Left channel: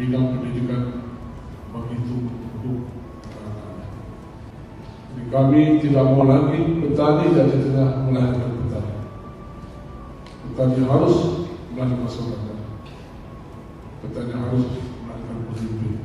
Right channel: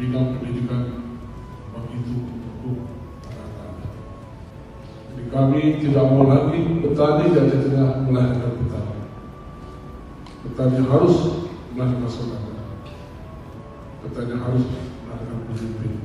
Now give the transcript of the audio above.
bidang pendidikan begitu empuk. Jadi kami tidak mau lagi petani dan tidak melahirkan petani. Petani harus melahirkan masyarakat. Petani harus melahirkan pemimpin.